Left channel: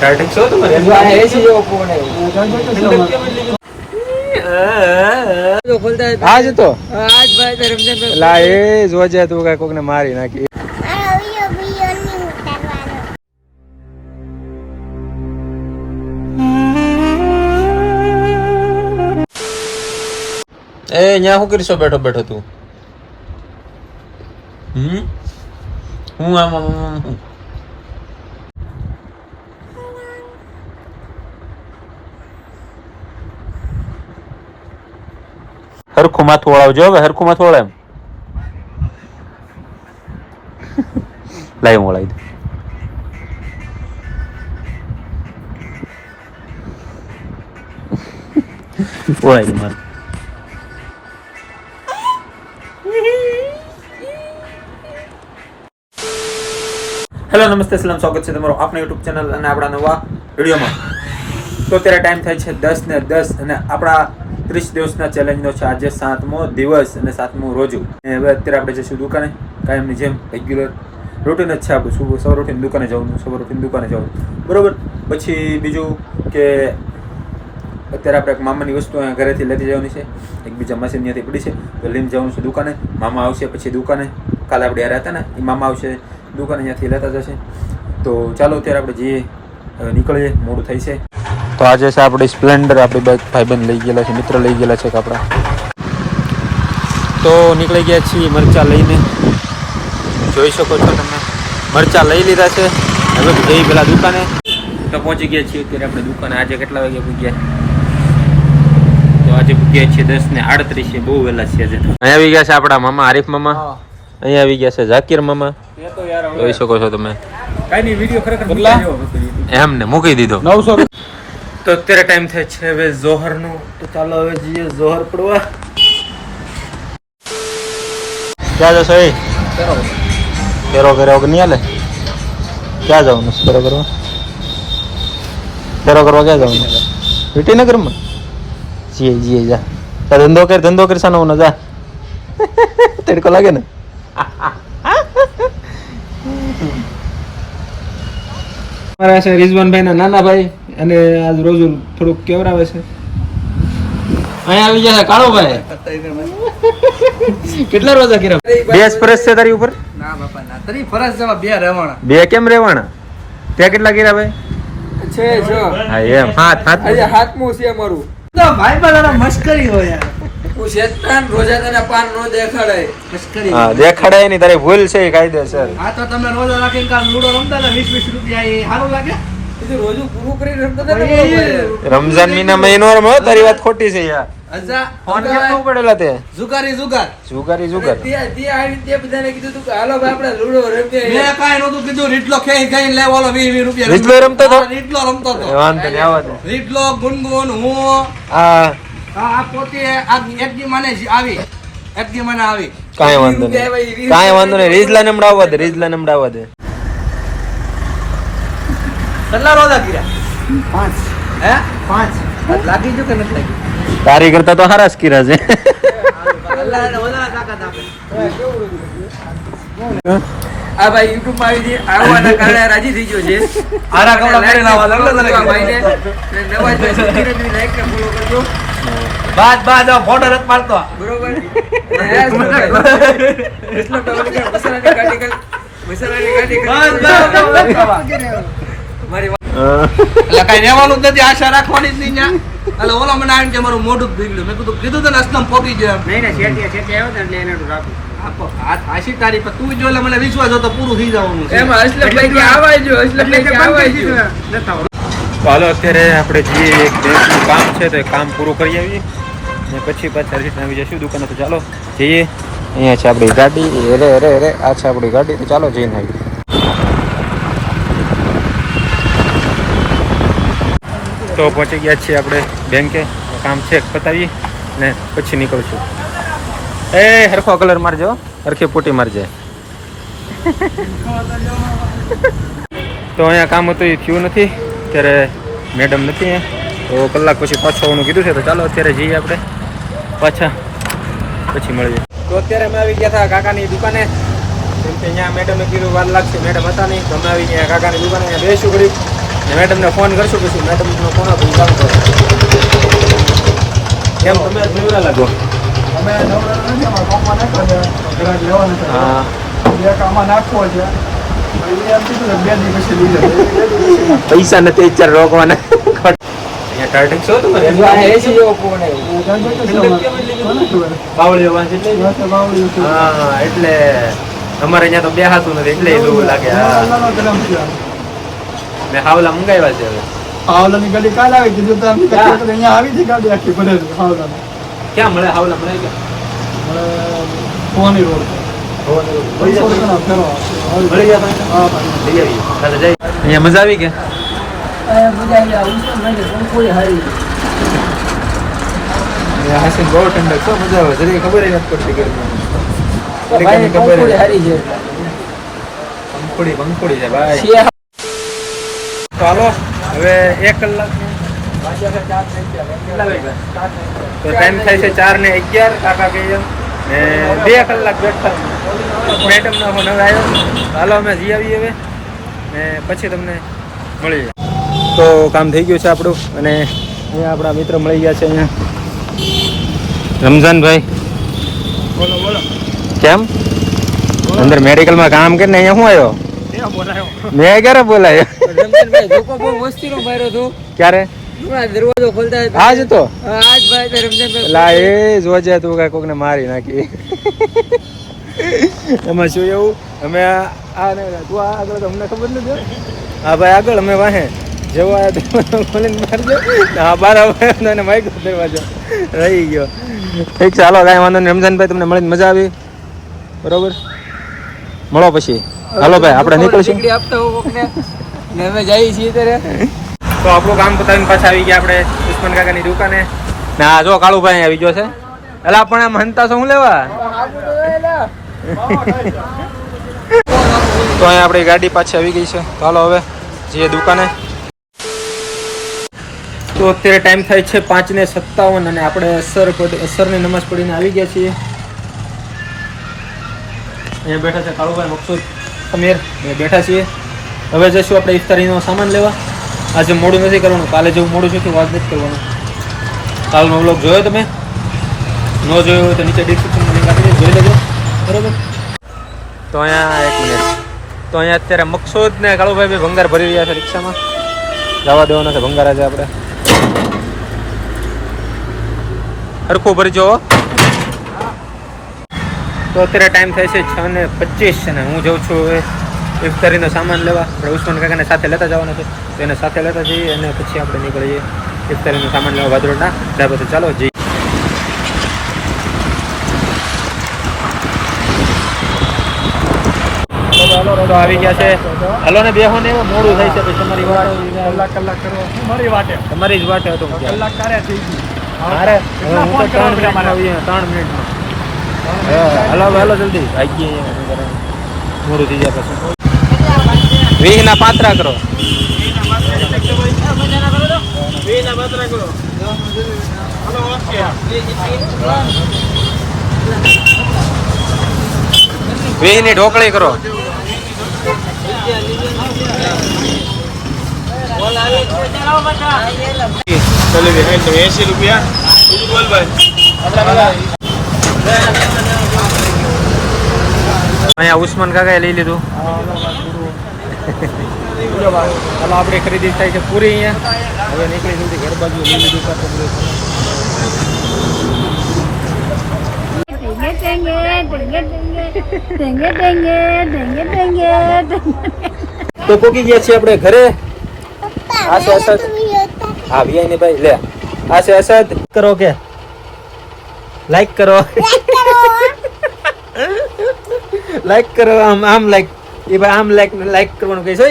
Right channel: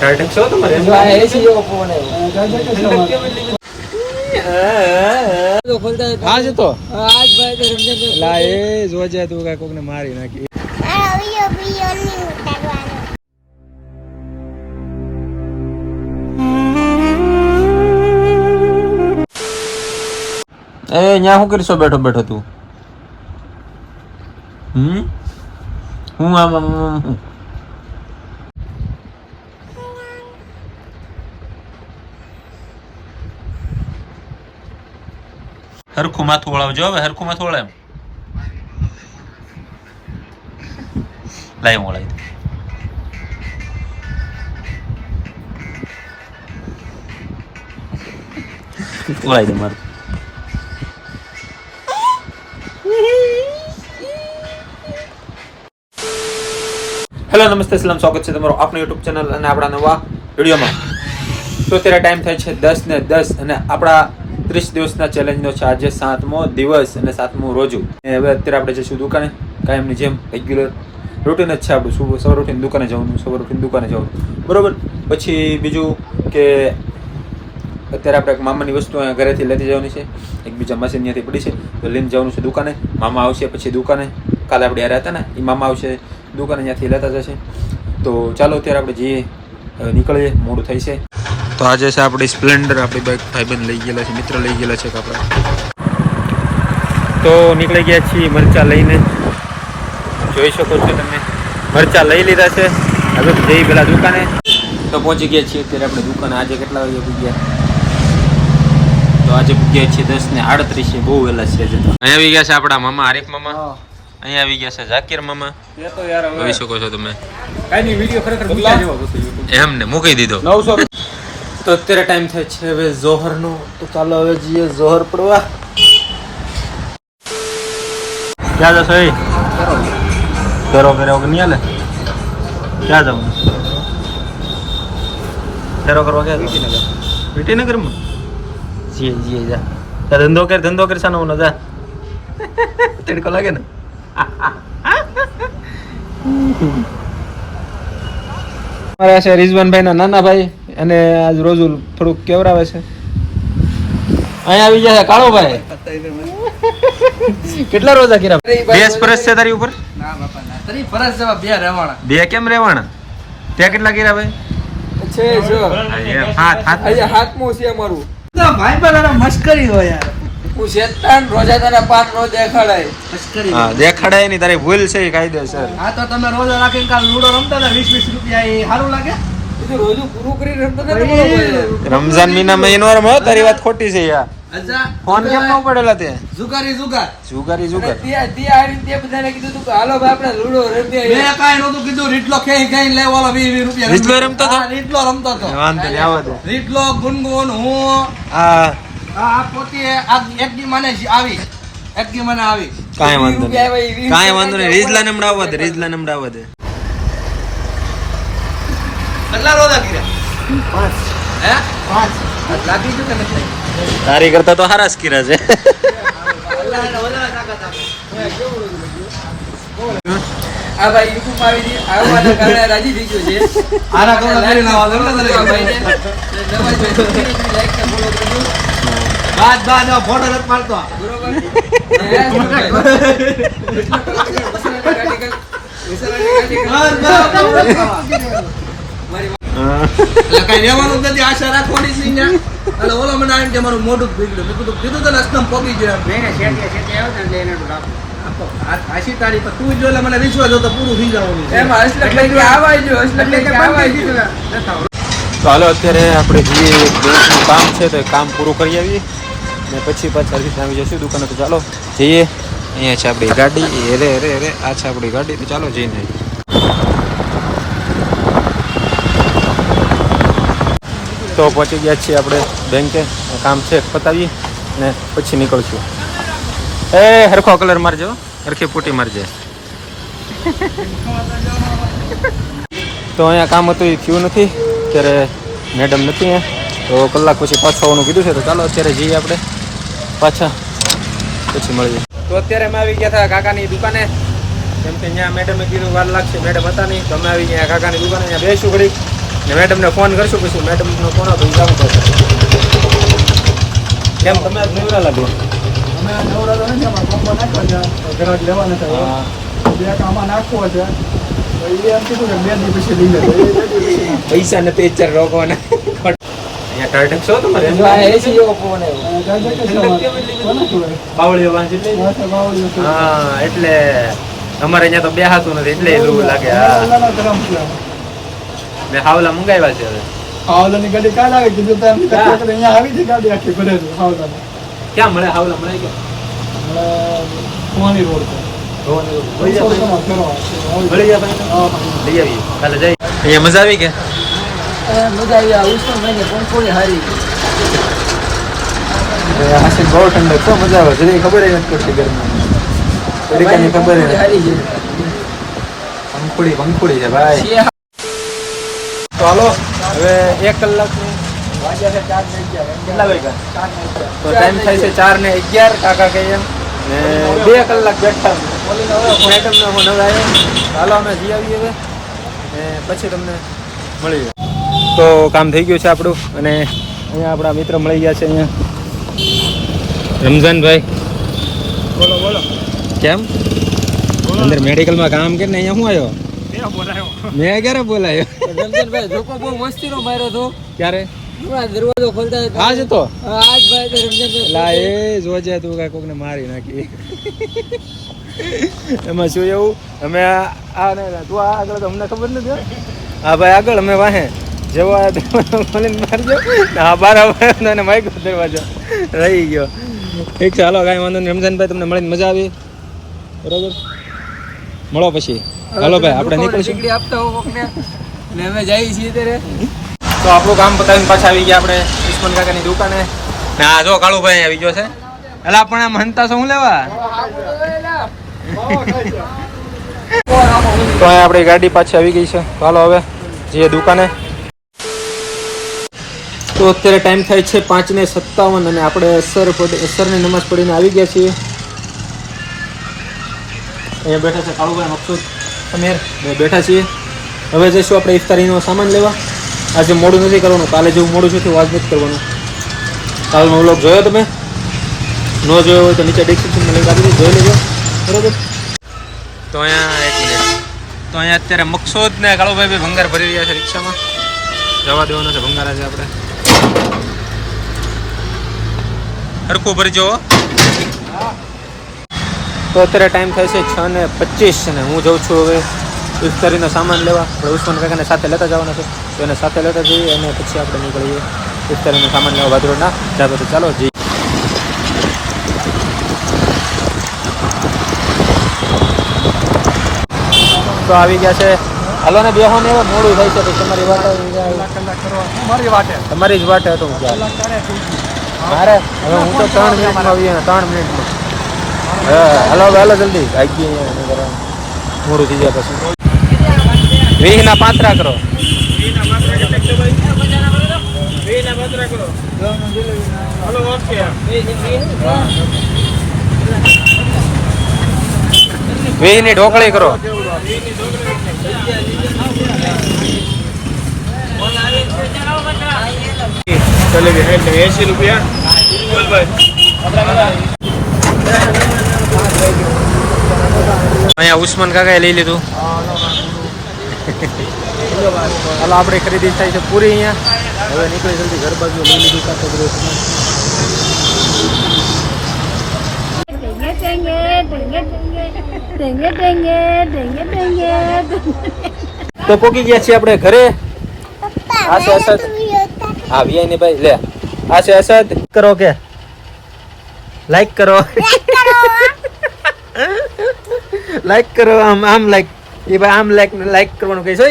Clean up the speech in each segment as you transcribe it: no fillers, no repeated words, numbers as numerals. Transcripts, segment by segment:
टार्टिंग show तुम्हारे ऐसी हो कौन है आज तो आज भाई रमजान ला ए જોજે તું કઈ કોકને મારી નાખી ए ન્યા હું કરીશો બેઠો બેઠો તું હું આમ હરખું માથું વળાવજો હવે હરખું માથું વળાય એમ લાઈ વળાવી દઉં વળાવી દઉં મારું હેલો નમસ્તે સલામ સ્વાગત છે તમારું આપણા યુટ્યુબ ચેનલ અને આપણા નવા વિડીયોમાં તો અત્યારે ટાઈમ થાય છે 10 ને 10 અને આપણા 30 દિવસના ચેલેન્જનો છે આજે 7મો દિવસ અને 7મું રોજુ હવે અત્યારે આપણે જઈશું દુકાને કાયમની જેમ રેગ્યુલર રૂટીન જ છે આપણું સવારે ઉઠીને દુકાને જવાનું બરોબર પછી બીજું કે અત્યારે આપણે એક મામાની વસ્તુ અહીંયા ઘરેથી લેતી જવાની છે એક બીજા મશીન ત્યાંથી પડી છે તો લઈને જવાનું છે દુકાને મામા આવશે પછી દુકાને કાલે આપણે યાર હતા ને એ મામા આવશે દુકાને ત્યાંથી લેતા જશે તો ચાલો અત્યારે આપણે જઈએ હવે નીકળીએ મોડું થઈ છે તો આજે છે આપણી સ્પ્લેન્ડર આપણી બાઇક ભાઈબંધ લઈ ગયેલા છે મિત્ર લઈ ગયેલા છે આપણા તો નીકળી ગયા છીએ મરચાં લઈને જોઈ શકો છો તમે મરચાં લઈ લીધા છે હવે જઈ પેલા દુકાને તો પહોંચી ગયા છીએ અત્યારે આપણે દુકાને આજે કેટલા વાગે પૂગ્યા તો આજે પૂગ્યા છીએ 10:38 છે બહુ વહેલા છે આજે અહીંયા આવી ગયા છે આપણા મામા આરીફ મામા અહીંયા આવી ગયા છે ઝાકીર મામા જોઈ શકો છો તમે કાંઈ નહીં વિડીયો ખરેખર મૂકી જેવો હતો એમને મૂકી દીધો તો અત્યારે ટાઈમ થાય છે હવે જોહરનો તો ચાલો હવે જઈએ જોહર પડવા ક્યાં જશો એ ફેરો કર્યા વગર નહીં હાલે ક્યાં જવાનું ફેરો કરવા ક્યાં જવાનું વિટીનગરમાં જીએ જા ધંધો કર સાનો ને જા તડકો લાગે ને મારા છે રિઝવાનભાઈ ના નાના ભાઈ અને આજ રોજુ થોડુંક કેવરાવે છે અહીંયા આવી ગયા કાળો ભાઈ કેટલા રોજા કર્યા બે ફરજ છે તારી ઉપર ના બાપા ના તારી ફરજ જવા બે રહેવાના બે કેમ રહેવાના ત્યાં કેટલા કર્યા ભાઈ છે જો હા એમ હાથમું છે અમારું ભાઈ પણ મસ્કરી હોય યાર હું શેતાન રોજા તને પાન નો દેખાડાય મસ્કરી હા દેખાડાય નહીં તારી ભૂલ છે કાયદેસર હા તો તમે રોજો રાખીને કાલ લૂડો રમતા ને 20 રૂપિયા એ સારું લાગે એ તો રોજો પૂરું કરી રમતા રમઝાન મહિના મહિનો રમો તારી વાત ખોટી છે યાર અજા ફોન કેમ ન પડેલા તે જુગારી તે આડી તે બધાને કીધું તું હાલો ભાઈ આપણે લૂડો રમીએ મે કાઈ નતું કીધું રીટલો ખેઈ લે વાળો 20 રૂપિયા રીટલો રમતો તો વાંધો નહીં આવો દે રીટલો ગુનગુન હું આ પોતે એક દી મને આવી કાઈ વાંધો નહીં રીજલા નમડાવવા દે કેટલા રોજા કર્યા 5 લાગી જો કે નથી તારી કરતા તો હરાસ કર્યા છે આ ભાઈ YouTube માં આવી છે આવવાના કારણે રાજી થઈ ગયો છે આરા કમાઈને નવાજભાઈ ધીરે લાઈક ને ફોલો કરજો બાદ ફોટો રત મારતો બરોબર મારી રેવાનું નથી આશા રાખવાની છે ને એટલે ઓલો મને આવીને કે મારું મોઢું બગડ્યું મેં કીધું તો અસલમ પોકી જાય નહીં શેટિયા આવે એટલે એને આપો આશી તારી પર તું જો મને વિશ્વાસ હતો પૂરું થઈ જવાનું એમ અસલમભાઈ કે આવાજો તો હાલો અત્યારે આપણે જે એક બેંકનું કામ છે તો એ કામ પૂરું કરી આવીએ ને પછી પાછા આવી જઈશું દુકાને તો ચાલો જઈએ અહીંયા છે આપણી ગાડી અરે આ છે આપણી ગાડી તો ચાલો જઈને આવીએ તો પહોંચી ગયા છીએ આપણે બેંકે કામ છે પતાવીએ ને પછી નીકળશું એ હરખો કલર મારજો હરખી પૂટી મારજે તો અહીંયા કામ હતું એ થયું નથી અત્યારે મેડમ નથી તો કલાક પછી પાછું આવવાનું કીધું છે તો ચાલો અત્યારે જઈએ આપણે પાછા પછી મળીએ તો અત્યારે અમે આવી ગયા હતા કાકાની દુકાને કેમ કે અહીંયા મેડમે કીધું વાર લાગશે, મેડમ હતા નહીં, તમે આવી અહીંયા કાકાની દુકાને અહીંયા બેસું ઘડી ને મેડમને ફોન કરશું, પછી મેડમનો ફોન આપો કામ કરો. કેમ તમે નવરા લાગો? અમે નવરા નથી, અમારા ગામમાં નાખ્યો છે, ઘરાક લેવાના છે. હા, એક આમાં નાખવો છે. એ એમ કીધું કે 2 દિવસ પછી લઈ લે. પૈસા નથી ચાર રોકવાના. અહીંયા ટાર્ટક છો તમારે? બાવળીઓ વાંચી એટલે હા, એટલે અમારે અહીંયા તો બેહાતું નથી એટલે એવું લાગે. હા, મેં હાવલા મંગાવ્યા છે હવે. હાવલાની ગાડી કાલ આવી કીધું તો અહીંયા આવી છે ગાડી આખી ભરે છે હાવલાની. ક્યાં મળે હાવલા? મળે ક્યાં? ભવાની રોડ મળી જાય ભાઈ. લઈ આવીએ કાલે જઈ. અહીંયા મજા આવી કે હાસી બહુ ઠંડક તો મજા આવે. જલ્દી ખબર નથી પડતી ગરમી તડકાની ખબર પંખુડી છે ભાઈ. તો હાલો હવે 1 કલાકની કેટલા વાગ્યા? તો ટાઈમ થાય છે 4:11. કાકા કહીએ એમ ને 2 કલાક બેઠા મેડમનો ફોન હવે આવ્યો. હાલો અમે જઈ આવીએ હવે ને પછી તમને મળીએ. તો કામ થઈ ગયું છે આપણું અને અહીંયા આપણા મિત્ર મળી ગયા છે. અહીંયા રમઝાનભાઈ બોલો બોલો. કેમ અંદર મેડિકલમાં કામ કરીને અહીંયા શું આવ્યો? મેં ક્યારે બોલાયો? રમજાનભાઈ ધોકો બહુ મસ્તીનો માર્યો હતો. ક્યારે? દરવાજો ખોલતા આજ તો આજ ભાઈ રમજાનભાઈ લા એ જોજે તું કાંઈ કોકને મારી નાખી. એમાં શું એવું અમે આ તું આગળ તો અમને ખબર નથી. હા ભાઈ આગળ અમે વાહે જેવો ખોલીને મારજો. હા બાર આવે માઇક દરવાજો રહી ગયો. ઠીક છે હાલો કાંઈ વાંધો નહીં. રમઝાનભાઈ તમને મળીને મજા આવી બરોબર? મળો પછી. હાલો ભાઈ આપણે નીકળીશું. આપતા હો કોકને ને અમે જઈએ છીએ ત્યારે. તો આપણું કામ પતાવીને પાછા આવી ગયા આપણે ઉસ્માન કાકાની દુકાને. ના જો કાળુભાઈ આવી ગયો છે. એટલે પણ આમ હંતા શું લેવા? તો અહીંયા આપણી ગાડી પાછી આવી ગઈ છે. ચાલો હવે જઈએ દુકાને. તો અત્યારે ટાઈમ થાય છે 5:57 અને આપણે અસરની નમાઝ પડીને આવી ગયા છીએ. અહીંયા બેઠા છે કાળુભાઈ, મકસૂદ, સમીર બેઠા છીએ. હવે જઈશું આપણે ઇફતારીનો સામાન લેવા. આજે મોડું નથી કરવાનું, કાલે જેવું મોડું છે આજ નથી કરવાનું. કાલનો વ્લોગ જોયો તમે? ન જોયો હોય તો નીચે ડિસ્ક્રિપ્શનમાં લિંક આપી દો, જોઈ લેજો બરોબર. તો અહીંયા 1 મિનિટ. તો અહીંયા અત્યારે મકસૂદ ને કાળુભાઈ બી ભંગાર ભરી રહ્યા છે રિક્ષામાં. જવા દેવાનો છે ભંગાર આજે આપણે. હરખું ભરજો. તો અત્યારે ટાઈમ થાય છે 6:25 અને હું જાઉં છું હવે ઇફતારીનો સામાન લેવા. આપણે ઉસ્માન કાકાને સાથે લેતા જવાના છે તો એને સાથે લેતા જઈએ અને પછી આપણે નીકળીએ ઇફતારીનો સામાન લેવા ભાદરોડના. ત્યાર પછી ચાલો જઈએ. તો આવી ગયા છે. હાલો ને બેહો ને, મોડું થાય છે તો તમારી વાત કલાક કરો મારી વાટે તમારી જ વાટે હતો. કલાક તારે થઈ ગઈ મારે હવે હું તો 3 મિનિટમાં આવીએ. 3 મિનિટમાં હાલો હાલો જલ્દી આવી ગઈ. મોડું થઈ જાય પછી 20 ના પાત્રા કરો. 20 ની ઢોકળી કરો. અહીંયા ઉસ્માન કાકાએ લઈ લીધું. હાલો આપણે ખરીદી થાય છે પૂરી અહીંયા. હવે નીકળી જલ્દી ઘર બાજુ લઈ લીધું સાથે બધું. તો પોકી ગયા છીએ આપણે ઘરે. આ છે અસદ. હા વીઆઈ ને ભાઈ લે. આ છે અસદ. કરો કે લાઈક કરો. લાઈક કરો. આમ લાઈક એ ભાઈ આમ લાઈક કરવાનું કઈ છે.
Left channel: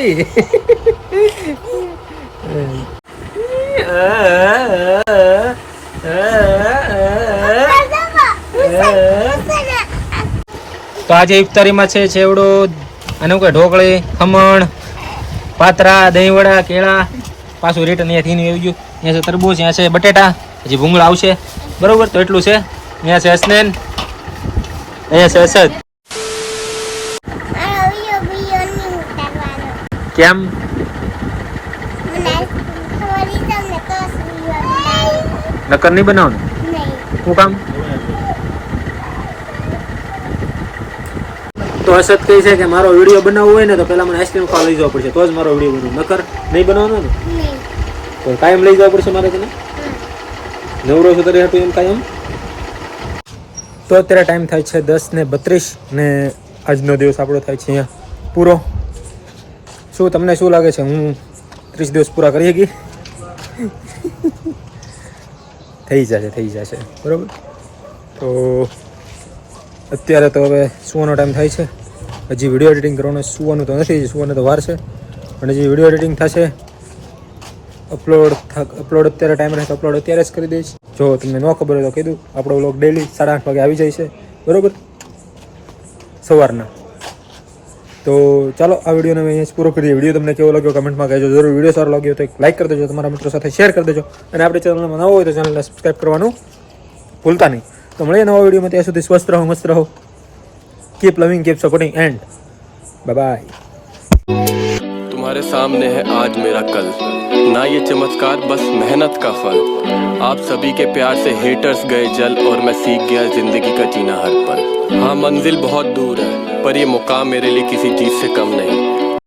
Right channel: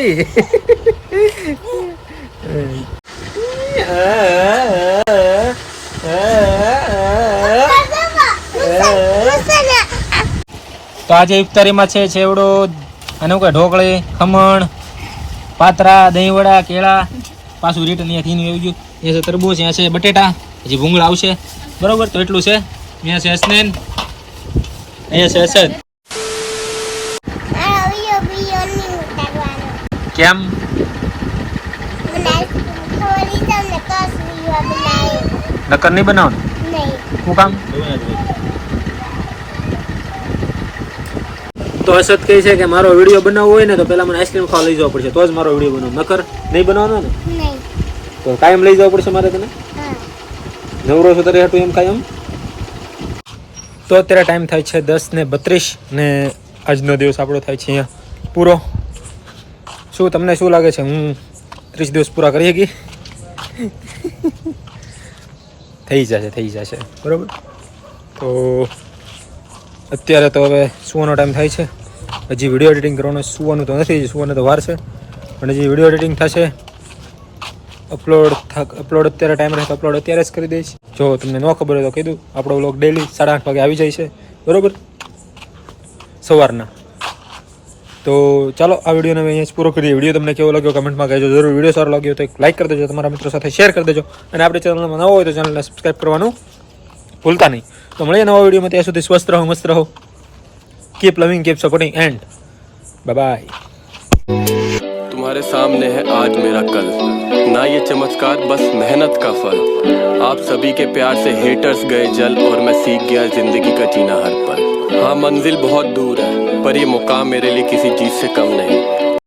તો આજે ઇફતારીમાં છે છેવડો અને કે ઢોકળી, ખમણ, પાત્રા, દહીંવડા, કેળા. પાછું રિટર્ન અહીંયાથી આવી ગયું. અહીંયા છે તરબૂચ, અહીંયા છે બટેટા, હજી ભૂંગળા આવશે બરોબર. તો એટલું છે. અહીંયા છે હસનેન, અહીંયા છે અસદ. કેમ? નકર નહીં બનાવવાનું? શું કામ? તો અસત કહે છે કે મારો વિડીયો બનાવવો હોય ને તો પેલા મને આઈસ્ક્રીમ ખાવા લઈ જવા પડશે તો જ મારો વિડીયો બનાવું. નકર નહીં બનાવવાનો ને? તો કાયમ લઈ જવા પડશે મારે તને? નવરો છો તારે હાટું એમ કાયમ? તો અત્યારે ટાઈમ થાય છે 10:32 ને આજનો દિવસ આપણો થાય છે અહીંયા પૂરો. શું તમને શું લાગે છે હું 30 દિવસ પૂરા કરી શકી? થઈ જશે બરાબર. તો અત્યારે તો હવે સુવાનો ટાઈમ થાય છે. હજી વિડીયો એડિટિંગ કરવાનો, સુવાનું તો નથી, સુવાનું તો વાર છે. પણ હજી વિડીયો એડિટિંગ થશે, અપલોડ અત્યારે ટાઈમ રહે તો અપલોડ અત્યારે જ કરી દઈશ. જો તમને ન ખબર હોય તો કીધું, આપણો વ્લોગ ડેલી 8:30 વાગે આવી જાય છે બરાબર, સવારના. તો ચાલો આ વિડીયોને અમે અહીંયા જ પૂરો કરીએ. વિડીયો તમને કેવો લાગ્યો કમેન્ટમાં કહેજો જરૂર. વિડીયો સારો લાગ્યો તો એક લાઈક કરી દેજો, તમારા મિત્રો સાથે શેર કરી દેજો, અને આપણે ચેનલમાં નવો હોય તો ચેનલને સબસ્ક્રાઈબ કરવાનું ભૂલતા નહીં. તો મળીએ નવા વિડીયોમાં. ત્યાં સુધી સ્વસ્થ રહો, મસ્ત રહો. Keep loving, keep supporting, and bye bye. तुम्हारे सामने है आज मेरा कल, ना ये चमत्कार बस मेहनत का फल. आप सभी के प्यार से हेटर्स गए जल और मैं सीख गया जिंदगी का जीना हर पल. हाँ मंजिल बहुत दूर है पर ये मुकाम मेरे लिए किसी चीज से कम नहीं.